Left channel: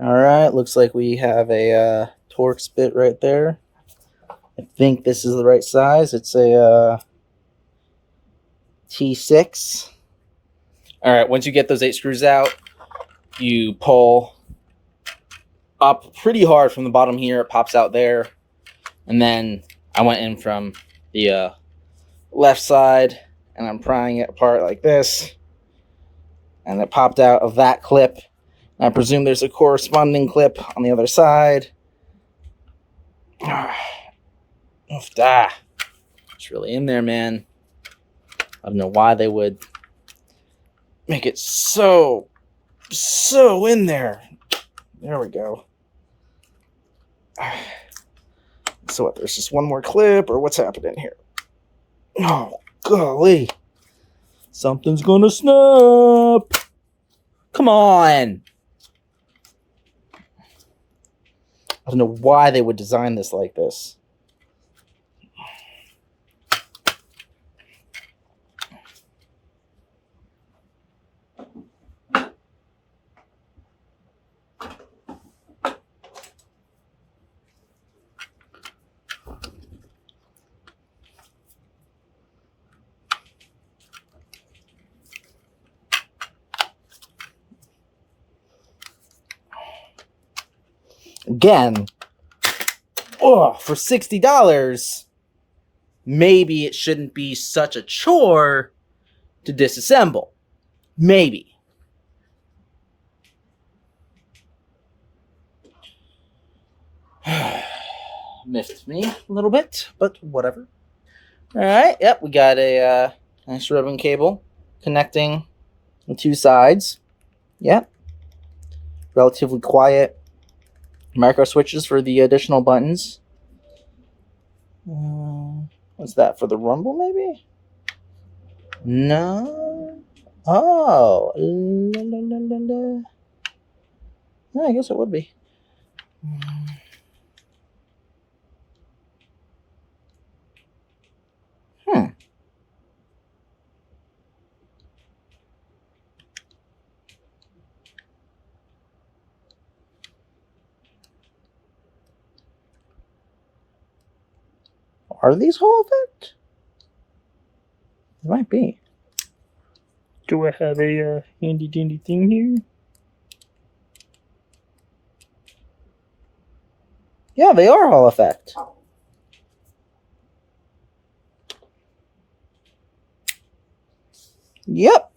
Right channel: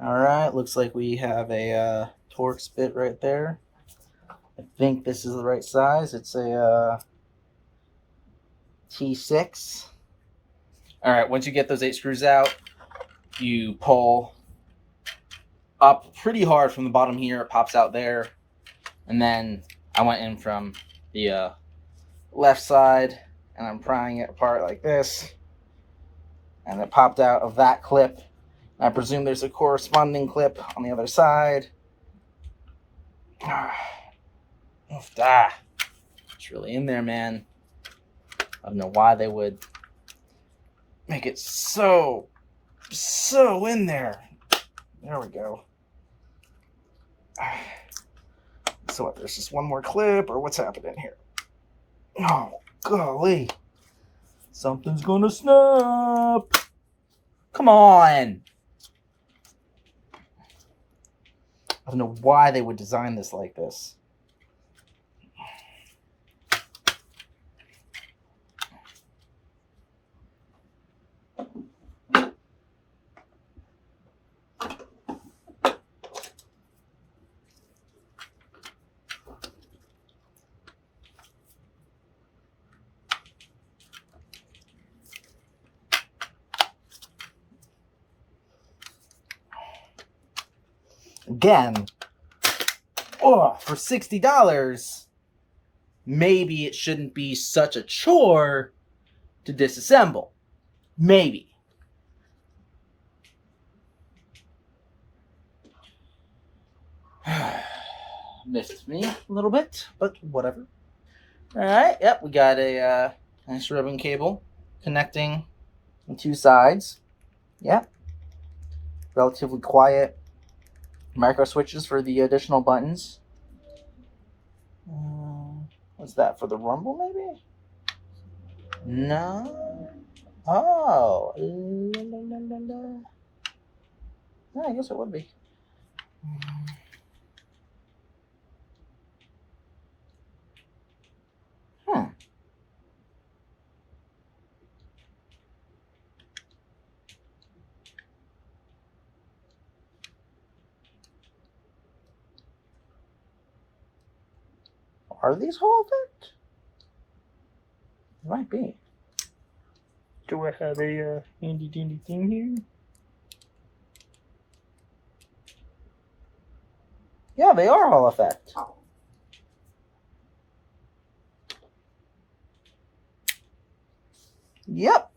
All right, looks like we have a Torx bit right there. I think this is the right size. It's a T6. All right, once you get those 8 screws out, you pull up pretty hard from the bottom here. It pops out there. And then I went in from the left side, and I'm prying it apart like this. And it popped out of that clip. I presume there's a corresponding clip on the other side. It's really in there, man. I don't know why they would make it so in there. There we go. So what, there's just one more clip, or what's happening here? Oh, golly. Something's gonna snap. Come on. I don't know why they would design this like this. Again, for $60, maybe it shouldn't be such a chore to disassemble. Maybe. Missed me a little bit, but whatever. All right, yep, we got a nice ribbon cable connecting the 2 sides. Yep. Relatively quiet micro switches for the additional buttons. What's that, for the rumble maybe? No. Oh. I guess it would be. Are these Hall effect? It might be. Do I have a handy dandy thing here? Yeah, they are Hall effect. Yep.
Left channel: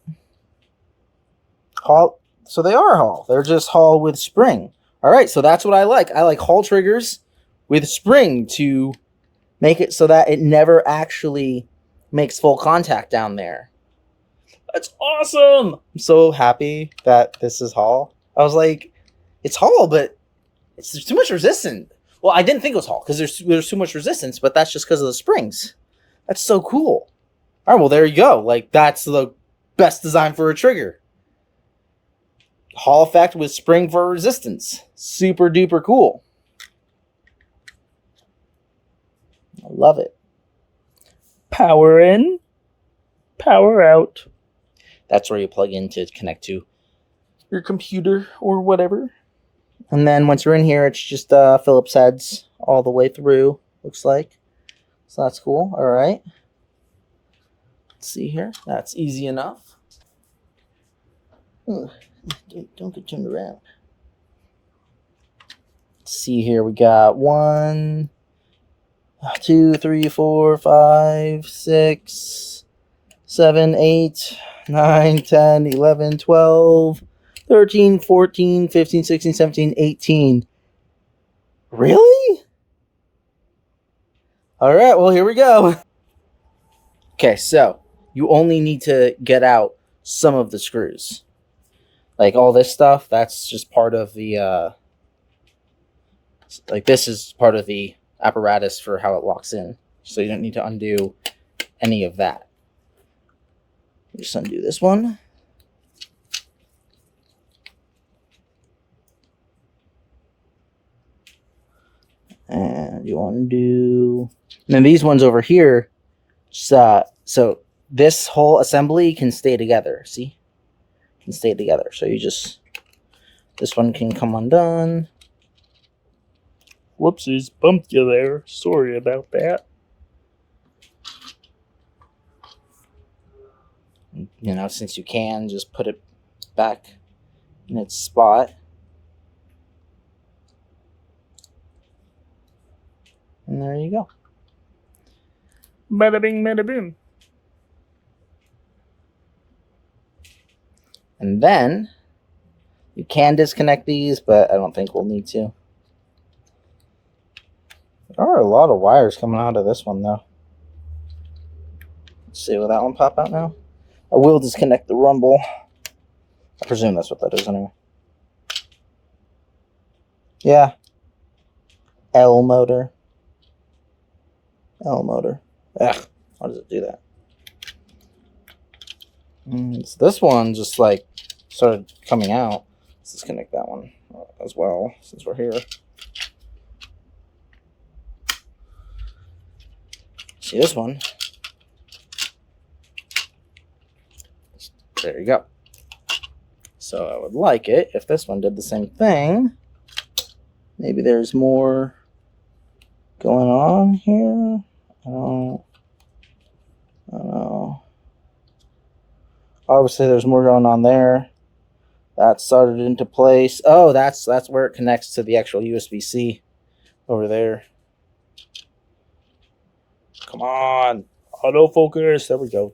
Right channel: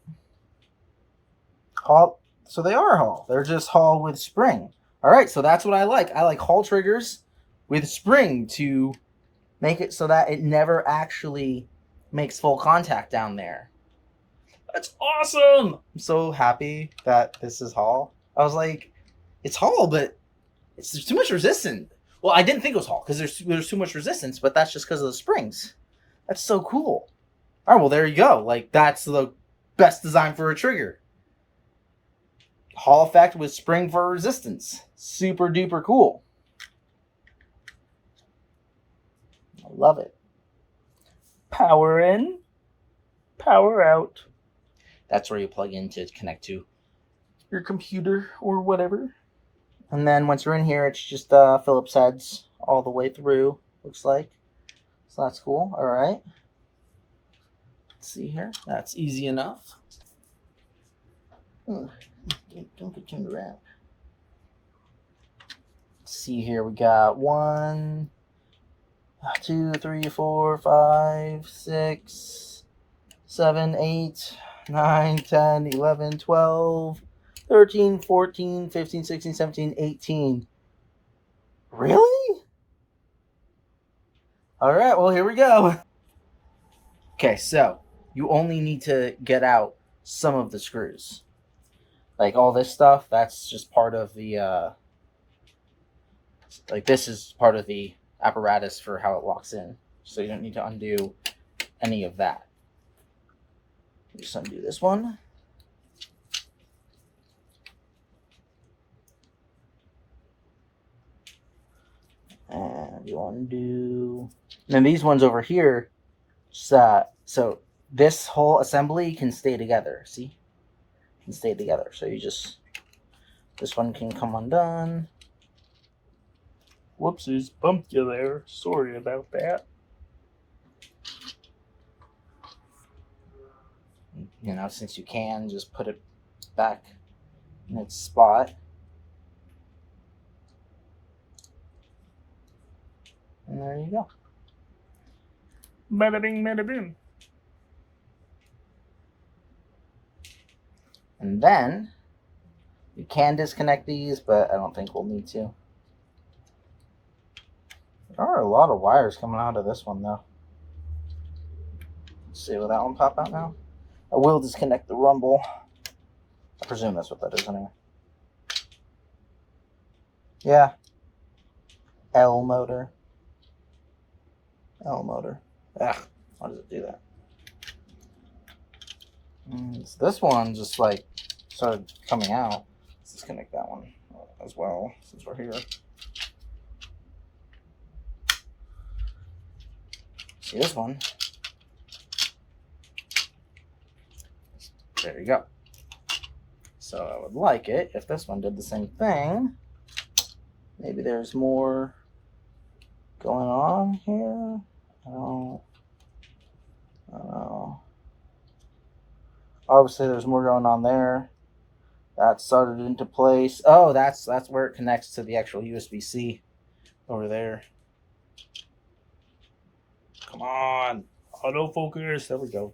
Hall. So they are Hall. They're just Hall with spring. All right, so that's what I like. I like Hall triggers with spring to make it so that it never actually makes full contact down there. That's awesome. I'm so happy that this is Hall. I was like, it's Hall, but there's too much resistance. Well, I didn't think it was Hall because there's too much resistance, but that's just because of the springs. That's so cool. All right, well, there you go. Like, that's the best design for a trigger. Hall effect with spring for resistance. Super duper cool. I love it. Power in, power out. That's where you plug in to connect to your computer or whatever. And then once you're in here, it's just Phillips heads all the way through, looks like. So that's cool. All right. Let's see here. That's easy enough. Don't get turned around. Let's see here. We got 1, 2, 3, 4, 5, 6, 7, 8, 9, 10, 11, 12, 13, 14, 15, 16, 17, 18. Really? All right, well, here we go. Okay, so you only need to get out some of the screws. Like all this stuff, that's just part of the, like this is part of the apparatus for how it locks in. So you don't need to undo any of that. Just undo this one. And you undo. And then these ones over here, so this whole assembly can stay together. See? Can stay together. So you just This one can come undone. Whoopsies, bumped you there. Sorry about that. You know, since you can, just put it back in its spot. And there you go. Bada bing, bada boom. And then you can disconnect these, but I don't think we'll need to. There are a lot of wires coming out of this one, though. Let's see, will that one pop out now? I will disconnect the rumble. I presume that's what that is anyway. Yeah. L motor. L motor. Ugh, why does it do that? So this one just like started coming out. Let's disconnect that one as well since we're here. See this one? There you go. So I would like it if this one did the same thing. Maybe there's more going on here. I don't know. Obviously, there's more going on there. That started into place. Oh, that's where it connects to the actual USB-C over there. Come on, autofocus. There we go.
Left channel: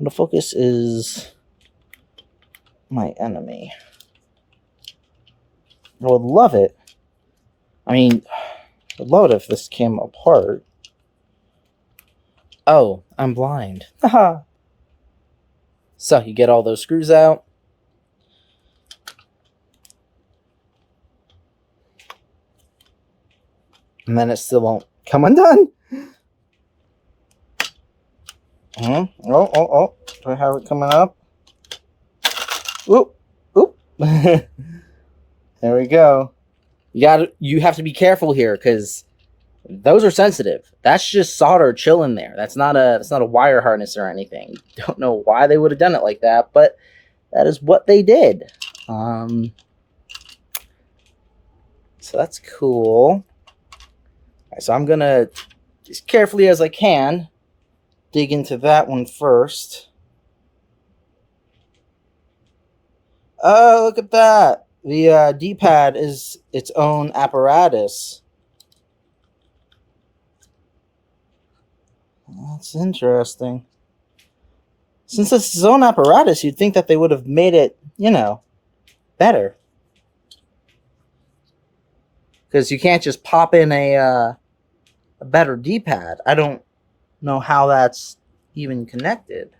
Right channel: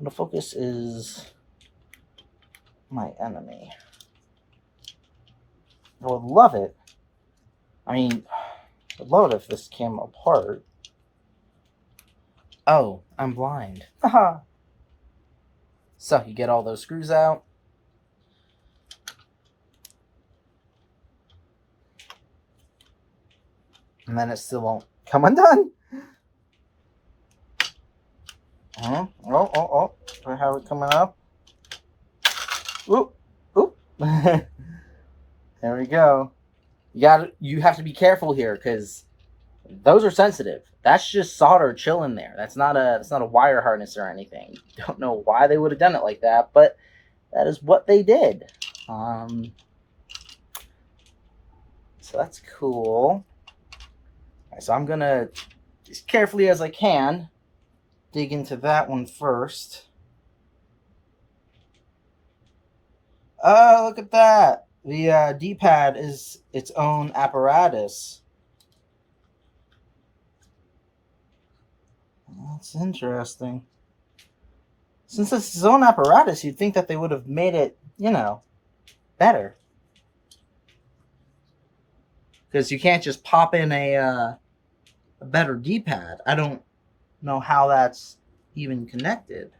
Autofocus is my enemy. I would love it. I mean, I'd love it if this came apart. Oh, I'm blind. Haha. So you get all those screws out. And then it still won't come undone. Oh. Do I have it coming up? Oop. There we go. You have to be careful here because those are sensitive. That's just solder chilling there. That's not a wire harness or anything. Don't know why they would have done it like that, but that is what they did. So that's cool. Right, so I'm gonna, as carefully as I can, dig into that one first. Oh, look at that. The D-pad is its own apparatus. That's interesting. Since it's its own apparatus, you'd think that they would have made it, better. Because you can't just pop in a better D-pad. I don't know how that's even connected.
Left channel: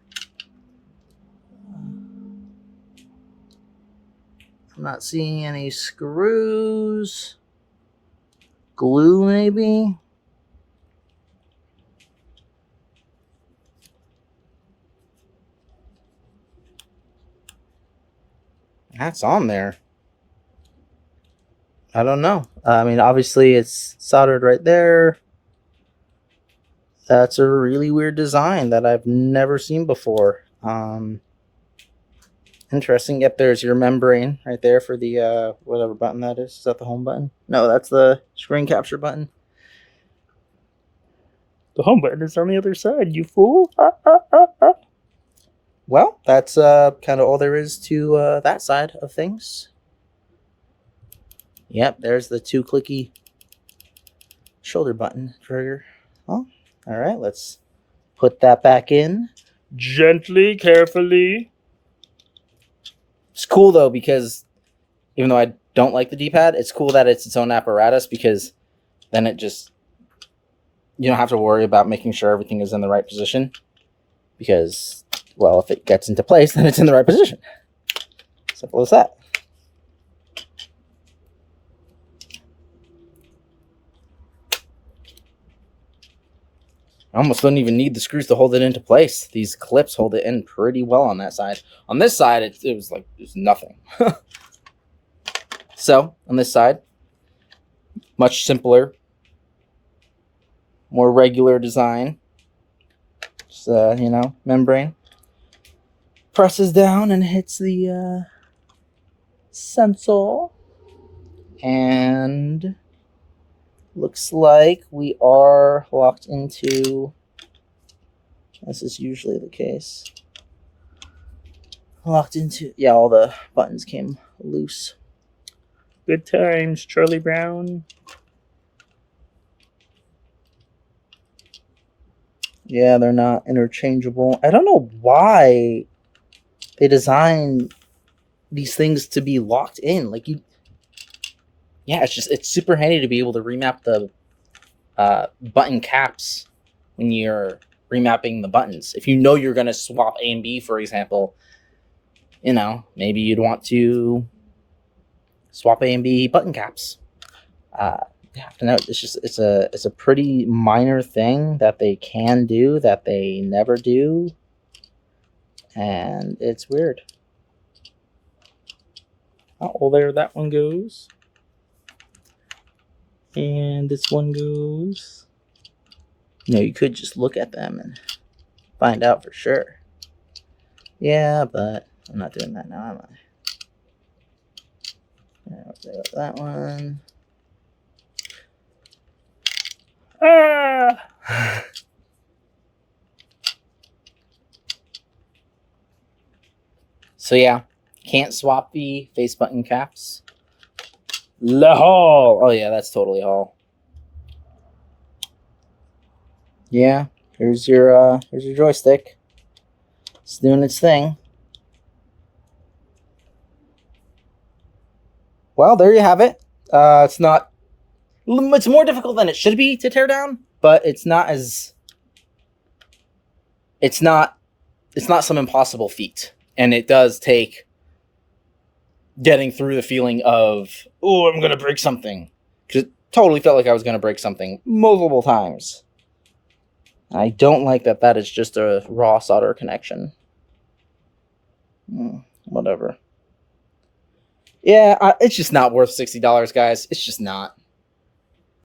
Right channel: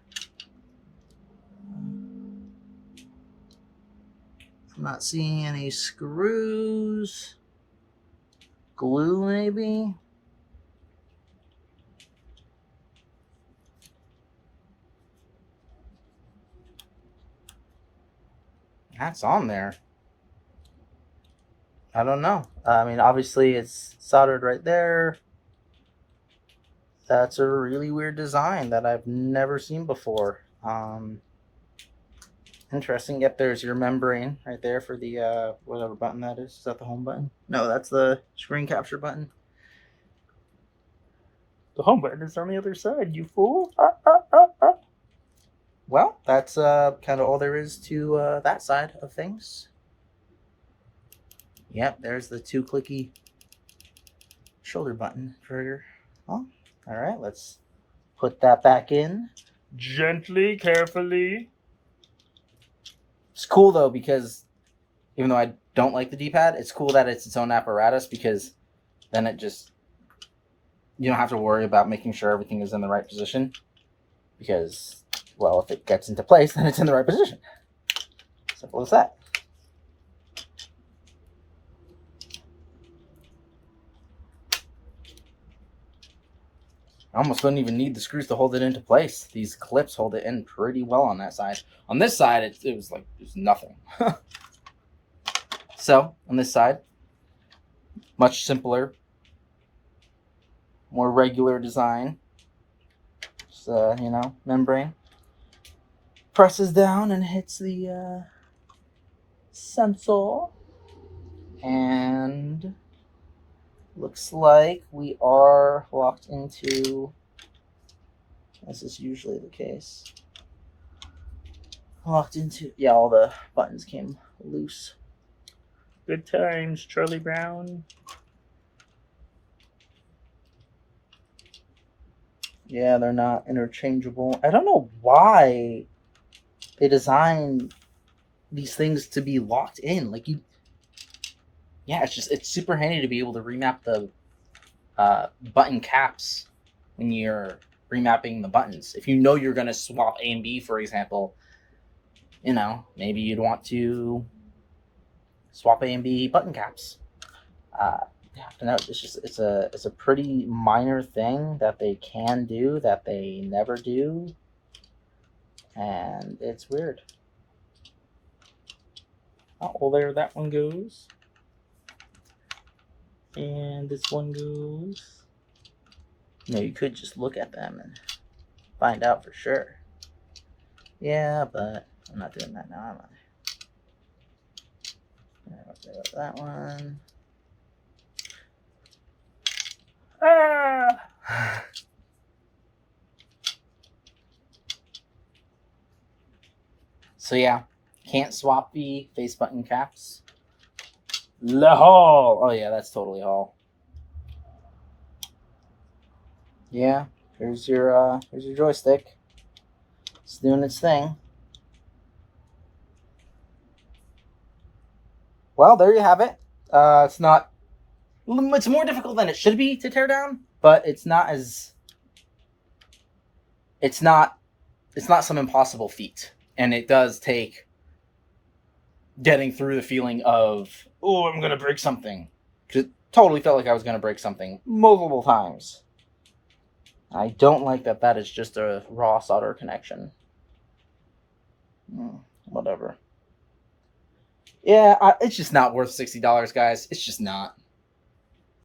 I'm not seeing any screws. Glue, maybe? That's on there. I don't know. I mean, obviously it's soldered right there. That's a really weird design that I've never seen before. Interesting. Yep, there's your membrane right there for the whatever button that is. Is that the home button? No, that's the screen capture button. The home button is on the other side, you fool. Well, that's kind of all there is to that side of things. Yep, there's the 2-clicky shoulder button trigger. Well, all right, let's put that back in. Gently, carefully. It's cool, though, because even though I don't like the D-pad, it's cool that it's its own apparatus because then it just... You don't have to worry about making sure everything is in the right position because, well, if it gets into place, then it's in the right position. Simple as that. I almost don't even need the screws to hold it into place. These clips hold it in pretty well on that side. On this side, it was like there's nothing. So, on this side, much simpler, more regular design. Just, membrane. Presses down and hits the sensor. And looks like we are locked into, this is usually the case, locked into, yeah, all the buttons came loose. Good times, Charlie Brown. Yeah, they're not interchangeable. I don't know why they designed these things to be locked in. Like you, yeah, it's super handy to be able to remap the button caps when you're remapping the buttons. If you know you're going to swap A and B, for example, you know, maybe you'd want to swap A and B button caps. You have to know it's a pretty minor thing that they can do that they never do, and it's weird. Oh, well, there that one goes. And this one goes. You know, you could just look at them and find out for sure. Yeah, but I'm not doing that now, am I? That one. Ah! So yeah, can't swap the face button caps. La Hall. Oh yeah, that's totally Hall. Yeah, here's your joystick. It's doing its thing. Well, there you have it. It's more difficult than it should be to tear down, but it's not some impossible feat. And it does take getting through the feeling of, oh, I'm going to break something. Because it totally felt like I was going to break something multiple times. I don't like that is just a raw solder connection. Whatever. Yeah, it's just not worth $60, guys. It's just not.